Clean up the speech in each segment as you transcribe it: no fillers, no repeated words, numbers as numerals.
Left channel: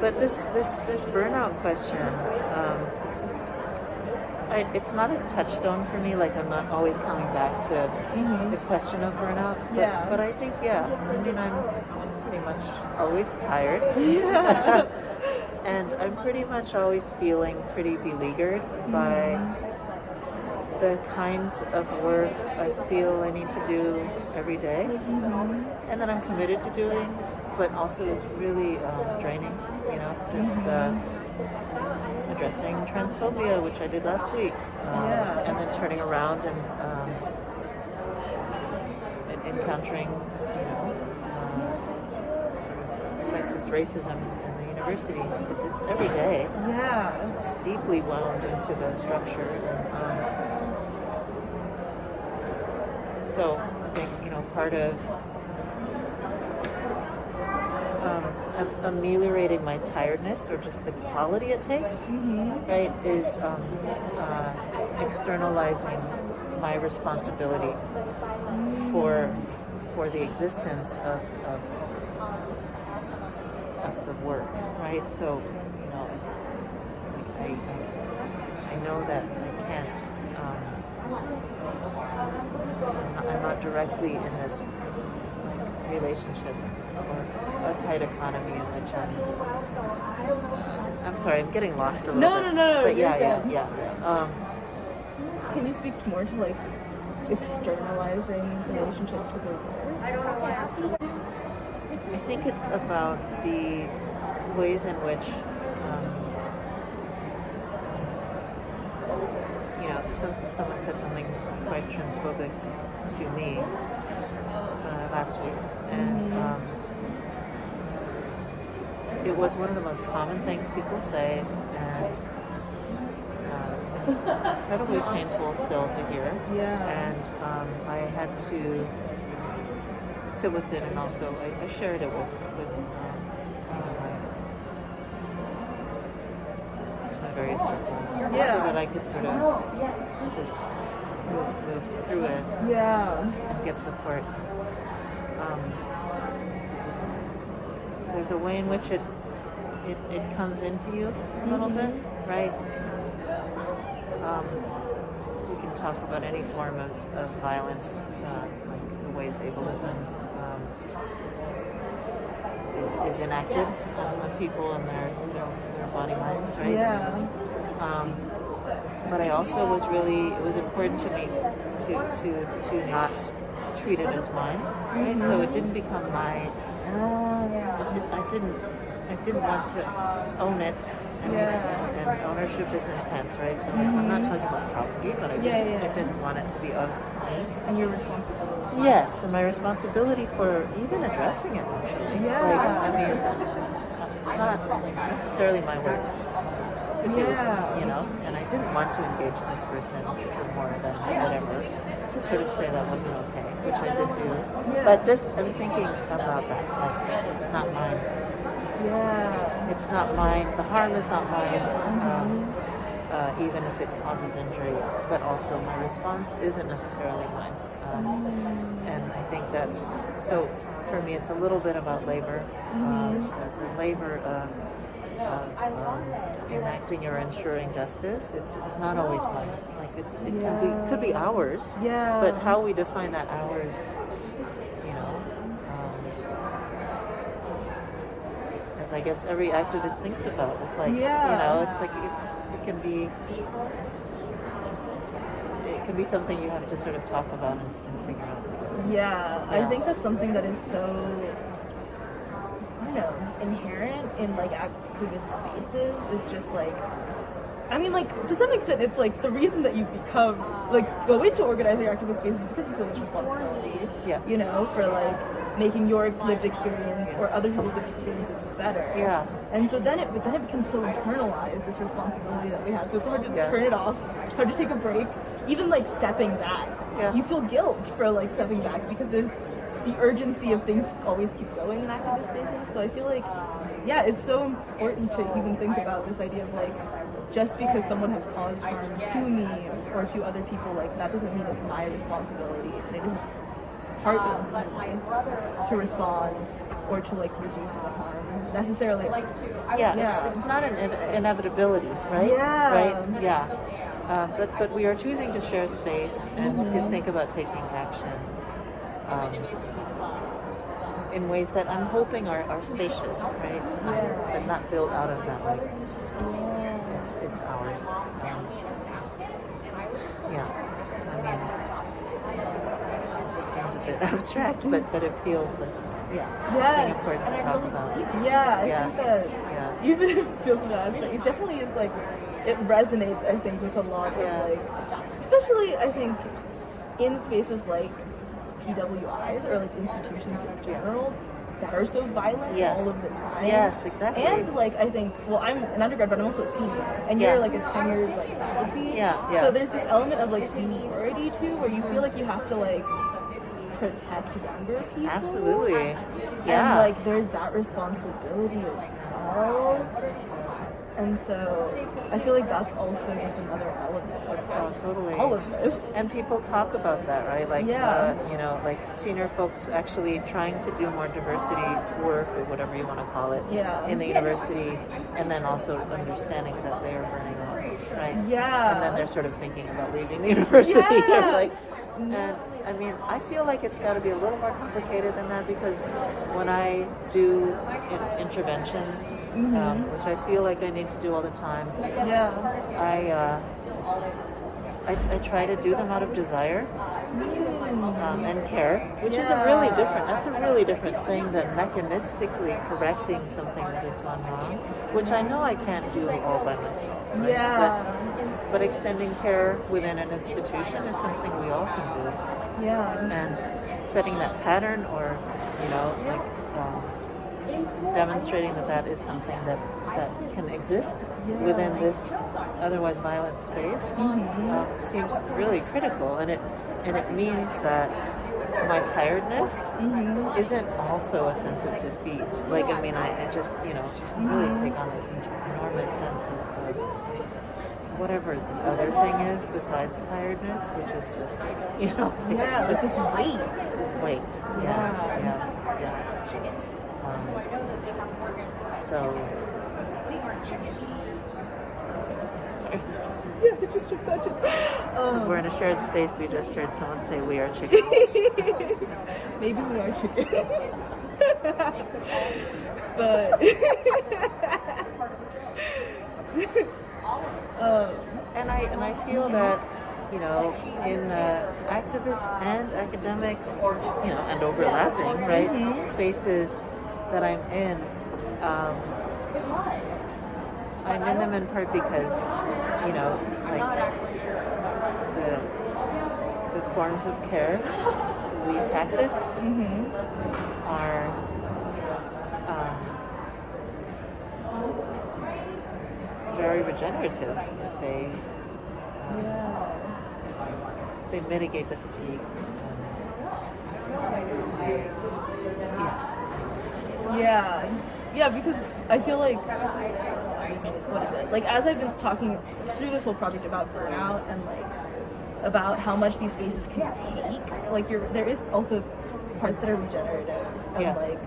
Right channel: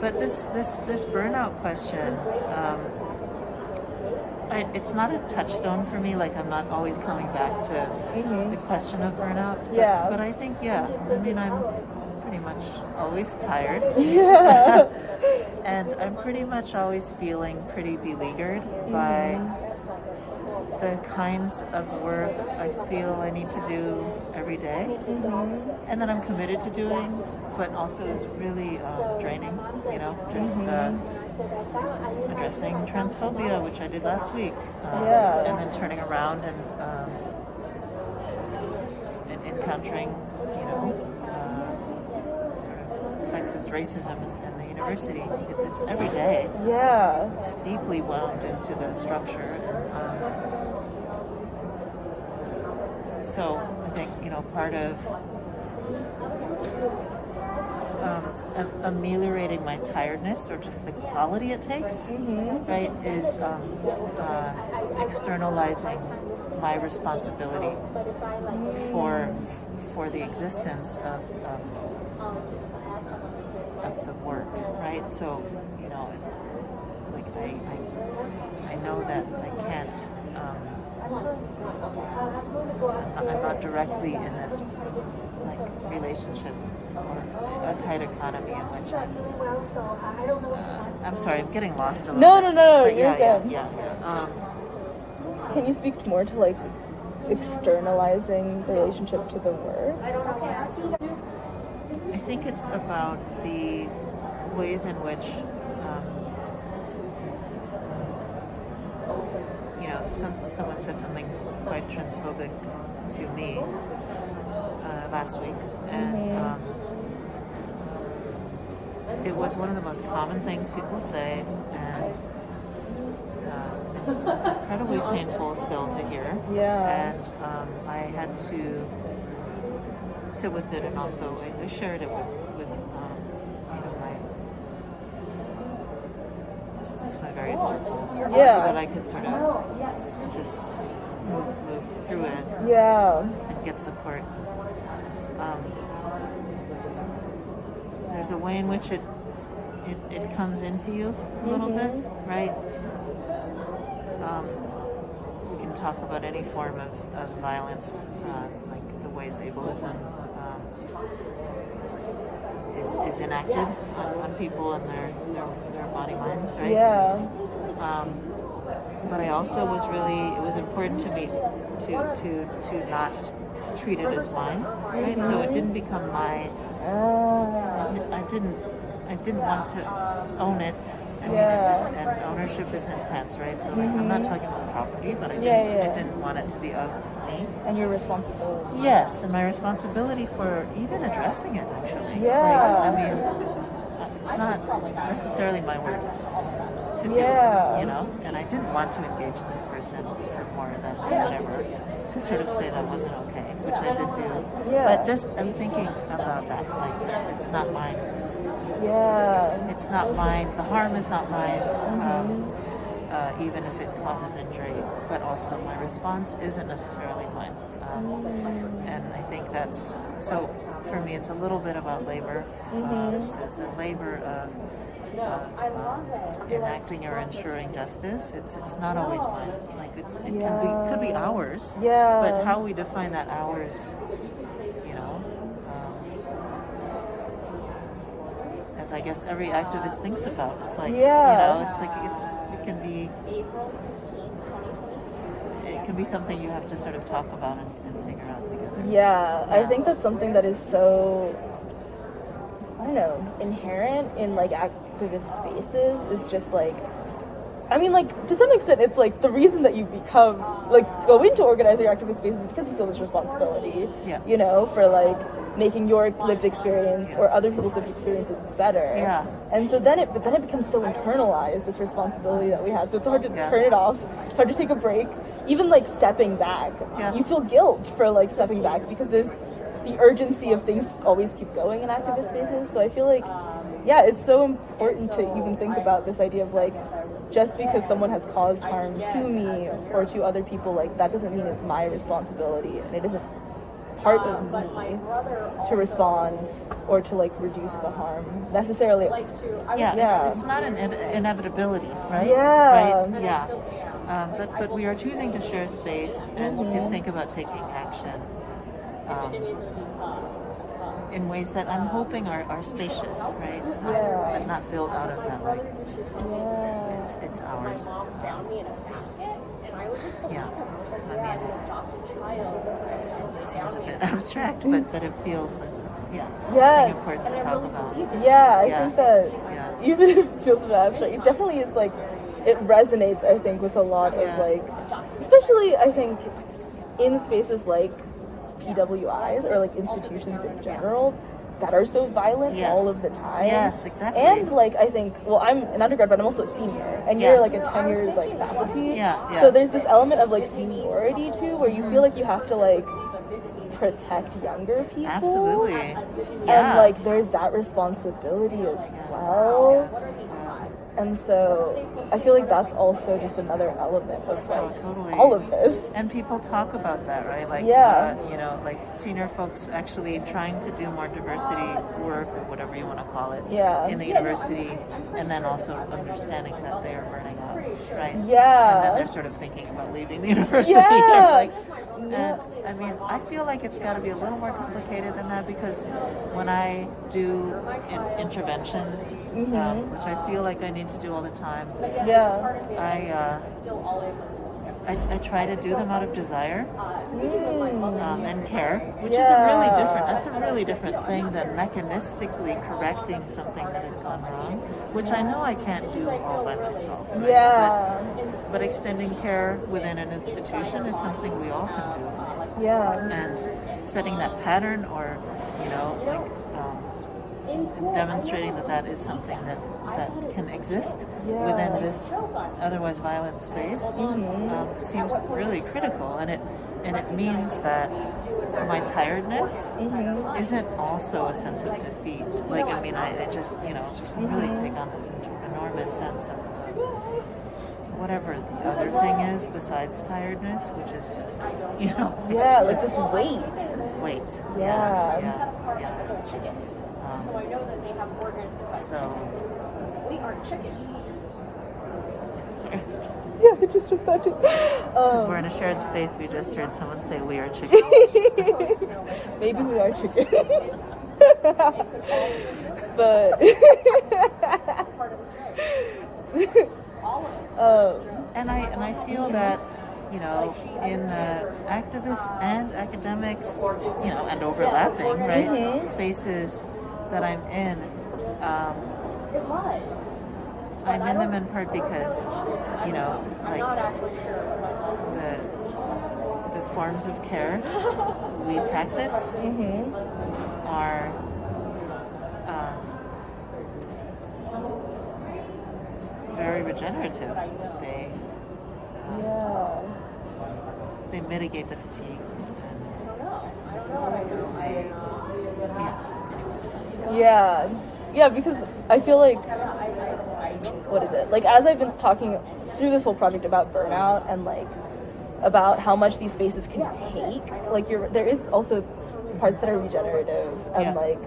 But this burnout question, it's not a touchstone for me. Like, I'm not always coming back to the question of burnout. But I think, I mean, I'm pretty much always tired. Yeah. And I'm pretty much always feeling pretty beleaguered by the kinds of work I feel I need to do every day, and that I'm committed to doing, but also is really draining, just addressing transphobia, which I did last week, and then turning around and encountering, sort of sexist racism in the university. It's every day. Yeah. It's deeply wound into the structure, and so I think, part of ameliorating my tiredness, or just the quality it takes, right, is externalizing my responsibility for the existence of the work, right? So, like I know that I can't. I'm not directly in this relationship or a tight economy in which I'm sorry, I'm getting lost a little bit. No. But yeah. Can you speak more to externalizing the relationship to the work? I think it's about the ways in which someone said something quite transphobic to me last week, and it was one of the most common things people say, and it's incredibly painful still to hear. And I had to sit with it, and also I shared it with my various circles, so that I could sort of just move through it, and get support. There's a way in which it comes into you a little bit, right? We can talk about any form of violence, like the ways ableism is enacted on people and their body minds, right? But I also it was important to me to not treat it as mine, right? So it didn't become my. I didn't want to own it. I mean, and ownership is intense, right? So I'm not talking about property, but I didn't want it to be of me. And your responsibility. Yes, and my responsibility for even addressing it, actually. I mean, it's not necessarily my work to do, and I didn't want to engage this person for more than whatever, to sort of say that wasn't okay, which I did do. But just, I'm thinking about that, it's not mine. It's not mine. The harm is not mine, even if it causes injury. But also, my response isn't necessarily mine. And I think that's so. For me, it's a little bit about labor. The labor of enacting or ensuring justice. It's not always mine. It could be ours. But how we define that ours, as I guess every activist thinks about. It's it can be something you have to sort of talk about and figure out together. I think that's something that is so, I don't know, inherent in activist spaces. It's just to some extent, it's the reason that you become go into organizing activist spaces is because you feel this responsibility. For making your lived experience or other people's lived experiences better. And so then it becomes so internalized, this responsibility that we have. So it's hard to turn it off. It's hard to take a break. Even stepping back, you feel guilt for stepping back because there's the urgency of things always keep going in activist spaces. So I feel it's so important to even think about this idea of just because someone has caused harm to me or to other people, that doesn't mean it's my responsibility, and it doesn't part of me to respond or to like reduce the harm necessarily. It's not an inevitability, right? Yeah. Right? Yeah. But we are choosing to share space and to think about taking action in ways that I'm hoping are spacious, right? But not built out of that, like, it's ours. I mean, it seems a bit abstract, but it feels like, something important to talk about. I think that even if it feels a bit abstract, it definitely is like, it resonates, I think, with a lot of like, especially I think in spaces like PWIs or like institutions in general that are so violent all of the time. Yes, exactly. And like, I think, well, I'm an undergrad, but I'm also a senior, and you're like a tenured like faculty. So there's this element of like seniority too, where you feel like you have to like protect younger people. Absolutely. And like there's that responsibility as well. And so I feel like that's also just another element of like all of this. And people talk about that, right? Like, you know, like senior folks actually trying to do more diversity work or whatever you want to call it in the university, and then also understanding that they are burning out, right? And then they're sort of thinking about leaving the university. Like, and I mean, I feel like it's got to be a little more complicated than that, because when I do interventions, which I feel like I need to do all the time, I try to do them out of desire and care, which is that's a really different thing than mechanistically correcting something that has gone wrong, which I know I can't do all by myself, right? But extending care within an institution is something we all can do. And setting that pattern, or, you know, like demonstrating that is something that can exist within this otherwise violent space seems really critical, and it means that my tiredness isn't also a sense of defeat. Like, I mean, I just, you know, really take on this enormous sense of whatever the other thing is besides tiredness, which is just, you know, like this weight. So sorry. I just heard that too. Because we're in a shared space, we just heard someone say, "We are chickens." Maybe we are chickens. But and I feel that, you know, in the activist and academic, you know, and overlapping, right, spaces that I'm in, I'm in them in part because, you know, like the forms of care we practice are very regenerative. They mitigate the fatigue, and because I feel like, what is it? Like, as I've been talking through this whole project about burnout and like about how much these spaces can take, like there is also parts that are regenerative, and like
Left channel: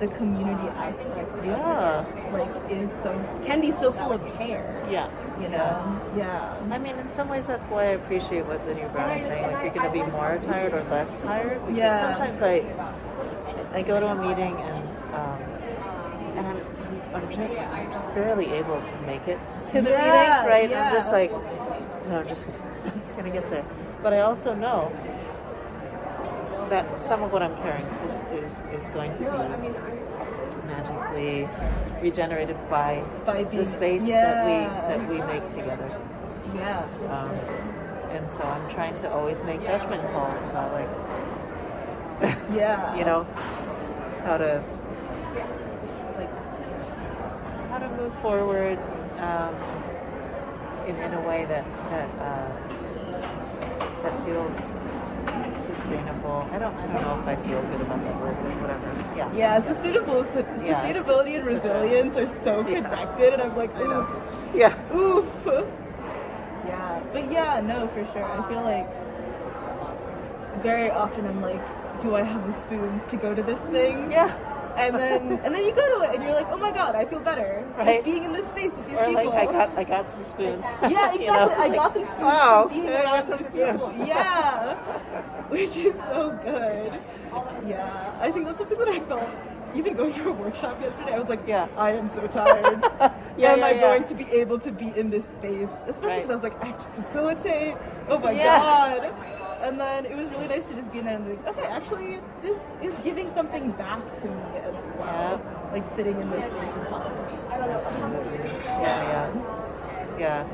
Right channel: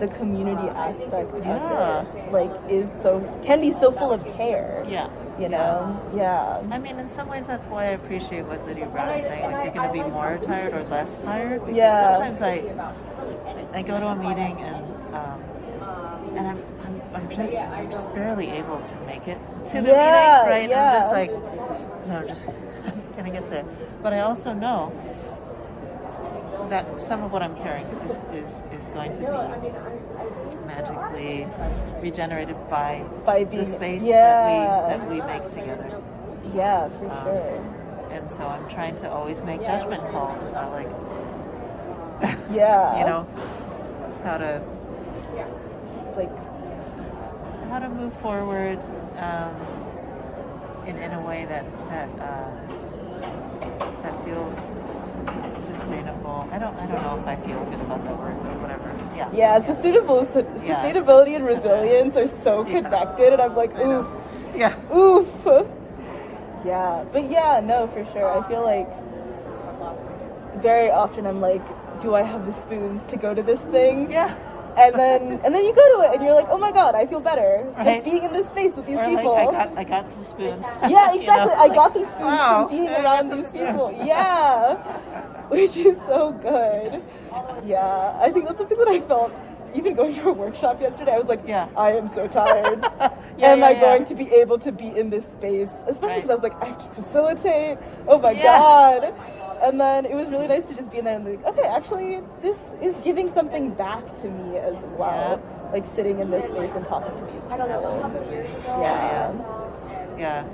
the community aspect of it, like can be so full of care. You know? I mean, in some ways, that's why I appreciate what Lydia Brown is saying. Like, you're going to be more tired or less tired. Because sometimes I go to a meeting and I'm just barely able to make it to the meeting, right? I'm just like, no, I'm just gonna get there. But I also know that some of what I'm carrying is going to be magically regenerated by the space that we make together. For sure. And so I'm trying to always make judgment calls about, like, you know, how to move forward in a way that feels sustainable. I don't know if I feel good about that word, but whatever. Sustainability and resilience are so connected, and I'm like, oof. Oof. But no, for sure. I feel like very often I'm like, do I have the spoons to go to this thing? Yeah. And then you go to it and you're like, oh my god, I feel better. Right. Just being in this space with these Or people. like I got some spoons. Yeah, exactly. You know, I got some spoons wow, from being I got around some these spoons. people. Yeah. Which is so good. Yeah. I think that's something that I felt even going to a workshop yesterday. I was like, Yeah. I am so tired. Yeah, Am yeah, I yeah. going to be able to be in this space? Especially Right. because I was like, I have to facilitate. Oh my Yeah. god. And then it was really nice to just be in there and be like, okay, actually, this is giving something back to me as well. Yeah. Like sitting in this space and talking to these people. Absolutely. Yeah.